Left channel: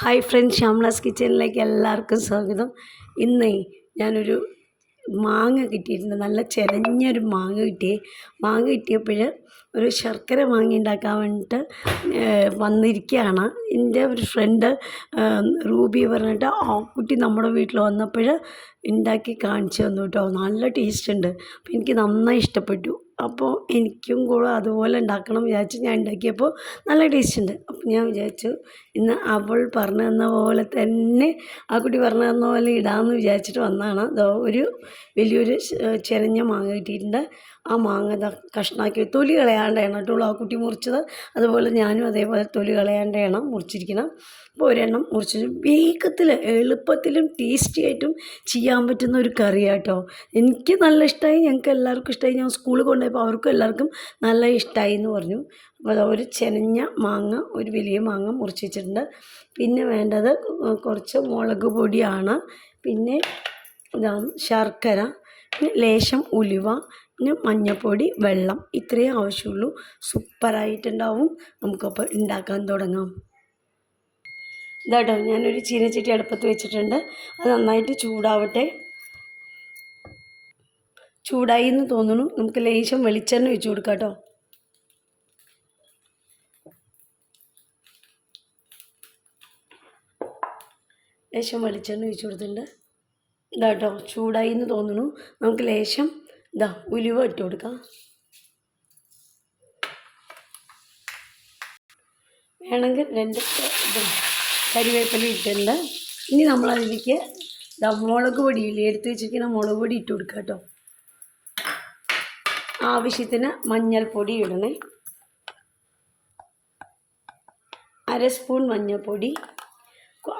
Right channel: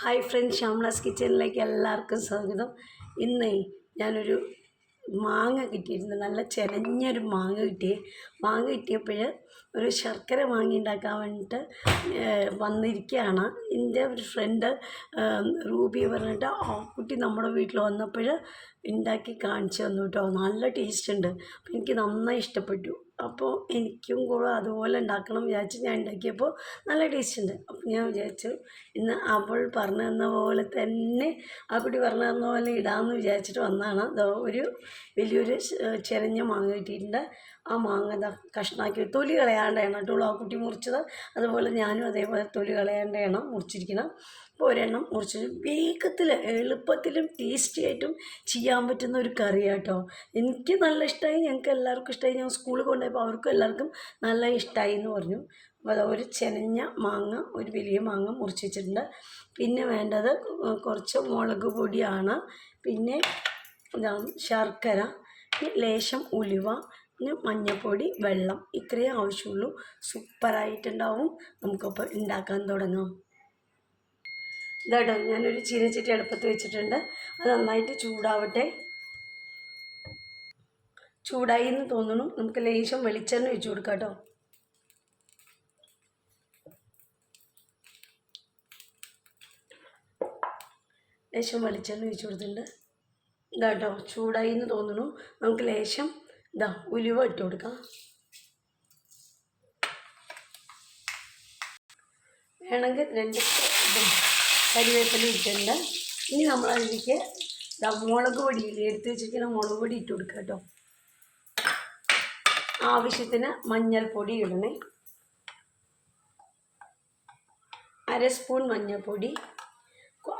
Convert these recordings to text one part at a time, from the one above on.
Hi friends, ശ്യാമളാസ് കിച്ചണിലേക്ക് എല്ലാവർക്കും സ്വാഗതം. ഇന്നേ ഞാനൊരു മാങ്ങ കിട്ടിയിട്ടുണ്ട്. നല്ല ചെലഞ്ഞൊരു മാങ്ങ കിട്ടിയപ്പോൾ ഒരു ശർക്കര മാങ്ങ ഉണ്ടാക്കാൻ വേണ്ടിയിട്ട് വന്നിരിക്കുകയാണ്. എൻ്റെ ഒരു ഫ്രണ്ട് റൂബി പറഞ്ഞിട്ട് ആ കുട്ടി നമ്മുടെ വീട്ടിൽ വന്നപ്പോൾ ഉണ്ടാക്കി കാണിച്ചു തന്നു കേട്ടോ. നല്ല ടേസ്റ്റ് ഉണ്ട്. അപ്പോൾ എനിക്ക് നന്നായി ഇഷ്ടപ്പെട്ടു. അപ്പോൾ എനിക്കും കൂടെ അതുപോലെ ഉണ്ടാക്കണം വിചാരിച്ച് ഞാൻ ഉണ്ടാക്കിയപ്പോൾ നല്ല ടേസ്റ്റ് ഉണ്ട്. അപ്പോൾ ഞാൻ വിചാരിച്ചു ഇന്ന് അവൾ പറഞ്ഞു തന്ന പോലെ തന്നെ ആ കുട്ടി പറഞ്ഞു തന്ന പോലെ ഇടാമെന്ന് വിചാരിച്ചിട്ട് വന്നതാണ്. ഒരു വലിയൊരു ചെറിഞ്ഞ മാങ്ങ കിട്ടിയിട്ടുണ്ട്. ആ മാങ്ങ കഷ്ണാക്കി തൊലി കളയാണ്ടാണ് കേട്ടോ ആ കുട്ടി മുറിച്ചത്. അതുപോലെ ഞാനും അതേപോലെ തൊലി കളയാണ്ടാണ് മുറിച്ചിരിക്കണം. അപ്പോൾ ഒരെണ്ണം മുറിച്ചിട്ട് വേഗത്തിൽ എളുപ്പത്തിലും ടേസ്റ്റി ആയിട്ടും ചെയ്യാൻ പറ്റുന്ന ഒരു കറിയാണ് കേട്ടോ. എനിക്ക് നല്ല ഇഷ്ടമായി, ഞങ്ങൾക്ക് എല്ലാവർക്കും ഇഷ്ടമായി. ഞാൻ സ്കൂളിൽ കൊണ്ടുപോയപ്പോൾ അവർക്കും എല്ലാവർക്കും നല്ല ഇഷ്ടമായി എന്ന് പറഞ്ഞു. അപ്പോൾ ഒരു ചെനഞ്ഞ മാങ്ങ, ഒരു വലിയ മാങ്ങ മുറിച്ച് വെച്ചിട്ടുണ്ട്. പിന്നെ വേണ്ടത് കുറച്ച് മുളക് പൊടിയാണ്, പിന്നെ ശർക്കര, ലേശം ഉലുവ, പിന്നെ മഞ്ഞൾപ്പൊടി, വെള്ളം. ഇത്രയേ ആവശ്യമുള്ളൂ. സൂപ്പറായിട്ടുണ്ടാവും. നമുക്കപ്പോൾ ഉണ്ടാക്കാൻ തുടങ്ങാം. ഇതാട്ടോ, ഞാനൊരു ചീനച്ചട്ടി അടുപ്പത്ത് വെച്ചിട്ടുണ്ട്. അത് നന്നായിട്ട് ചൂടാവട്ടെ. ചൂടായി എന്ന് തോന്നുന്നു. നമുക്ക് ലേശം വെളിച്ചെണ്ണ ഒഴിച്ച് കൊടുക്കാം കേട്ടോ. ലേശം വെളിച്ചെണ്ണ ഒഴിച്ച് കൊടുത്തിട്ടുണ്ട്. ഇതാട്ടോ, ചൂടായി എന്ന് തോന്നുന്നു. നമുക്ക് ലേശം ഉലുവ ഇട്ട് കൊടുക്കാം. വേണമെങ്കിൽ 2 കരിവേപ്പില ഇട്ടിട്ടുണ്ട്. ഇനി നമ്മളതിലേക്ക് മുളക് പൊടിയില്ലേ, എടുത്ത് വെച്ചിരിക്കുന്ന മുളക് പൊടി ഇട്ട് കൊടുക്കുക കേട്ടോ. ആവശ്യത്തിന് മഞ്ഞൾപ്പൊടി ഇടണേ. 1/2 സ്പൂൺ മഞ്ഞൾപ്പൊടി.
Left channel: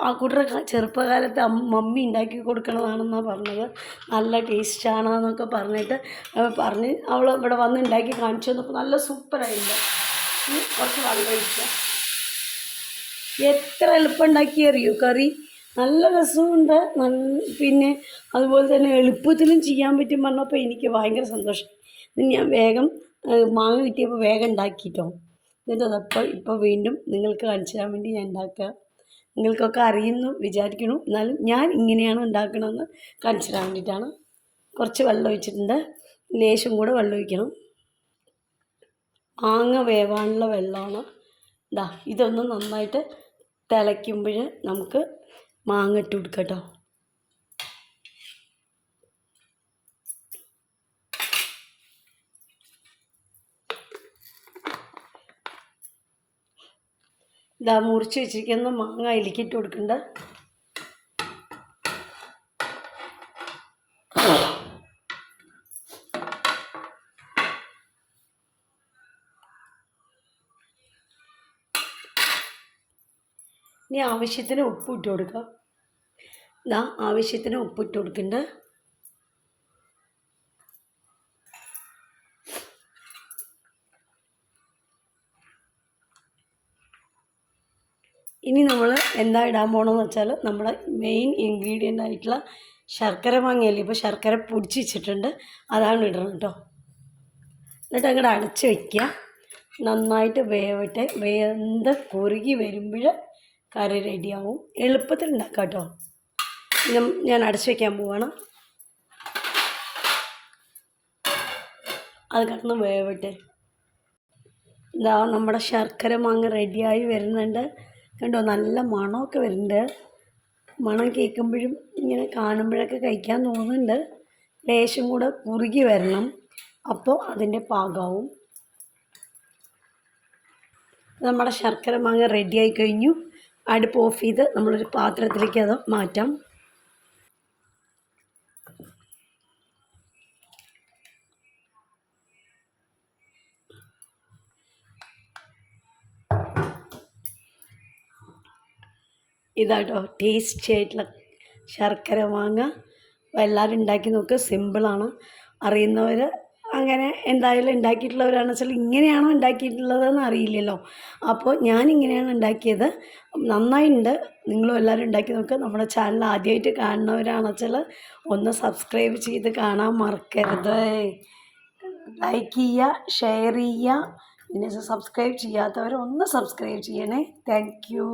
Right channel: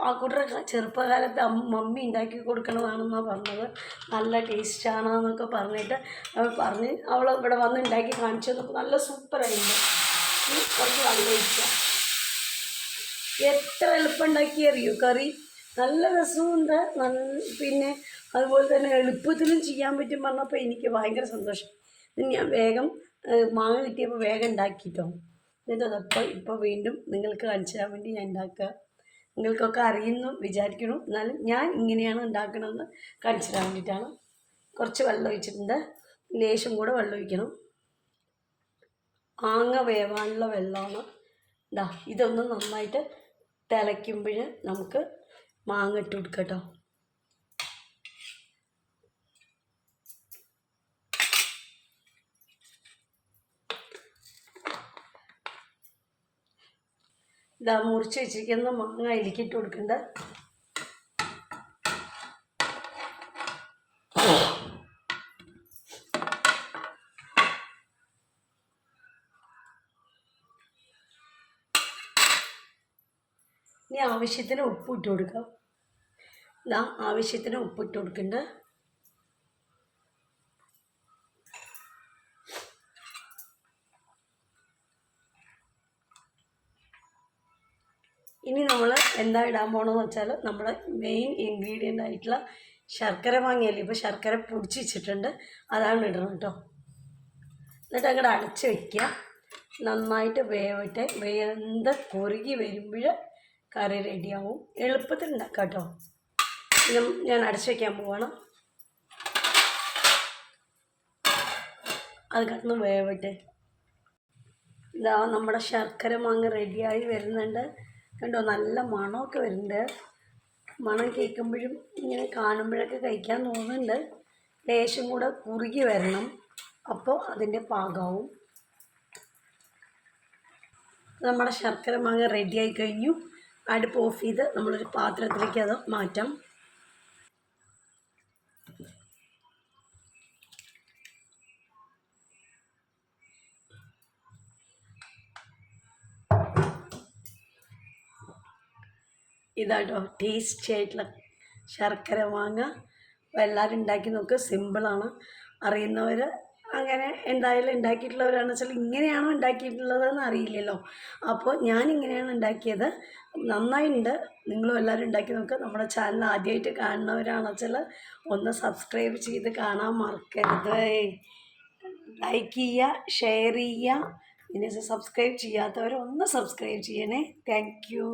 ആ കുട്ടിയുടെ ചെറുപ്പകാലത്ത് മമ്മി ഉണ്ടാക്കി കൊടുക്കണതാണെന്നാണ് പറഞ്ഞത്. നല്ല ടേസ്റ്റാണെന്നൊക്കെ പറഞ്ഞിട്ട് അവൾ ഇവിടെ വന്ന് ഉണ്ടാക്കി കാണിച്ചു തന്നപ്പോൾ നല്ല സൂപ്പറായിട്ടുണ്ട്. കുറച്ച് വെള്ളം ഒഴിക്കുക. എത്ര എളുപ്പം ഉണ്ടാക്കിയറിയോ കറി. നല്ല രസമുണ്ട്. പിന്നെ അതുപോലെ തന്നെ എളുപ്പത്തിലും ചെയ്യാൻ പറ്റും പറഞ്ഞപ്പോൾ എനിക്ക് ഭയങ്കര സന്തോഷം. ഞാൻ വേഗം മാങ്ങ കിട്ടിയപ്പോൾ വേഗം ഉണ്ടാക്കിയിട്ടോ. എന്നിട്ട് അതപ്പോൾ ഇപ്പോൾ വീണ്ടും നിങ്ങൾക്ക് കാണിച്ചു തരാൻ വേണ്ടി ഞാൻ ഉണ്ടാക്കുക. നിങ്ങൾക്കൊക്കെ അറിയുന്നു വിചാരിക്കണം, എന്നാലും ഞാൻ ഇങ്ങനെയാണ് ഉണ്ടാക്കണമെന്ന് കാണിച്ചു തരാൻ വേണ്ടിയിട്ടാണ്. കുറച്ച് വെള്ളം ഒഴിച്ചിട്ടുണ്ട്. ലേശം കൂടെ വെള്ളം ഒഴിക്കണം. മാങ്ങ വേവാനുള്ള വെള്ളമാണ്. ഇതൊന്ന് നന്നായിട്ട് തിളയ്ക്കുമ്പോൾ നമുക്ക് മാങ്ങ ഇട്ട് കൊടുക്കാം കേട്ടോ. മുറിച്ച് വെച്ചിരിക്കുന്ന മാങ്ങ അതിലേക്ക് ഇട്ട് കൊടുക്കണ്ട. ഇനി ആവശ്യത്തിന് ഉപ്പ് ഇട്ട് കൊടുക്കാം. ആവശ്യത്തിന് ഉപ്പ് ഇട്ട് കൊടുക്കണ്ട. ഇനി നമ്മൾ എന്താ ഇടാൻ പോകണമെന്ന് വെച്ചാൽ നമ്മുടെ മെയിൻ ഇൻഗ്രീഡിയൻ്റ് ആയിട്ടുള്ള ശർക്കര മാങ്ങയല്ലേ. ഇപ്പോൾ ശർക്കര പൊടിച്ച് വെച്ചിട്ടുണ്ട്, അതാണ് ഇടണം കേട്ടോ. എന്നിട്ട് അങ്ങോട്ട് അടച്ച് വയ്ക്കുക. നന്നായിട്ട് വേവട്ടെ. വെന്ത് കുറുകി വരുമ്പോൾ കറി റെഡിയാവും. എളുപ്പത്തിൽ ഉണ്ടാക്കാം കേട്ടോ. ഞാൻ അടച്ചു വയ്ക്കാൻ പോവാണ്. അത് കിടന്ന് വേവട്ടെ. നമ്മുടെ ശർക്കര മാങ്ങ റെഡിയായി വരുന്നുണ്ട്. കണ്ടോ, നല്ല മണമൊക്കെ വരുന്നുണ്ട്. മണം കേൾക്കുമ്പോഴും ഇങ്ങനെ കാണുമ്പോഴൊക്കെ കഴിക്കാൻ തോന്നുന്നുണ്ട്. ലേശം കൂടെ കുറുകി വരണം, അപ്പോൾ അതിൻ്റെ പാകമാവും. നമ്മുടെ ശർക്കര മാങ്ങ റെഡിയായി കഴിഞ്ഞു. അടുപ്പ് ഓഫ് ചെയ്ത് നമ്മളൊരു പാത്രത്തിലേക്ക് അത് മാറ്റാം. ഇതാട്ടോ ടേസ്റ്റി ആയിട്ടുള്ള ശർക്കര മാങ്ങ. എല്ലാവരും ഉണ്ടാക്കി നോക്കുക. സിമ്പിളാണ്. അറിയുന്നവർ അങ്ങനെ എന്തായാലും ഉണ്ടാക്കിയിട്ടുള്ളവരാണെന്ന് വെച്ചാൽ ഇങ്ങനെയാണോ ഉണ്ടാക്കിയിട്ടുള്ളതെന്ന് അറിയില്ലല്ലോ. അപ്പോൾ ഞാനിങ്ങനെയാണ് ഉണ്ടാക്കിയത്. നന്നായിട്ടുണ്ട്. നിങ്ങളും എല്ലാവരും ഉണ്ടാക്കി നോക്കുക. നമ്മുടെ ചാനൽ ആദ്യമായിട്ട് കാണുന്നവരാണെന്ന് വെച്ചാൽ ഒന്ന് സബ്സ്ക്രൈബ് ചെയ്ത് കാണാൻ മറക്കരുത്. ലൈക്ക് ചെയ്യുക, ഷെയർ ചെയ്യുക. പിന്നെ സബ്സ്ക്രൈബ് ചെയ്യാത്തവർ ഒന്ന് സബ്സ്ക്രൈബ് ചെയ്യണേ. Thank you.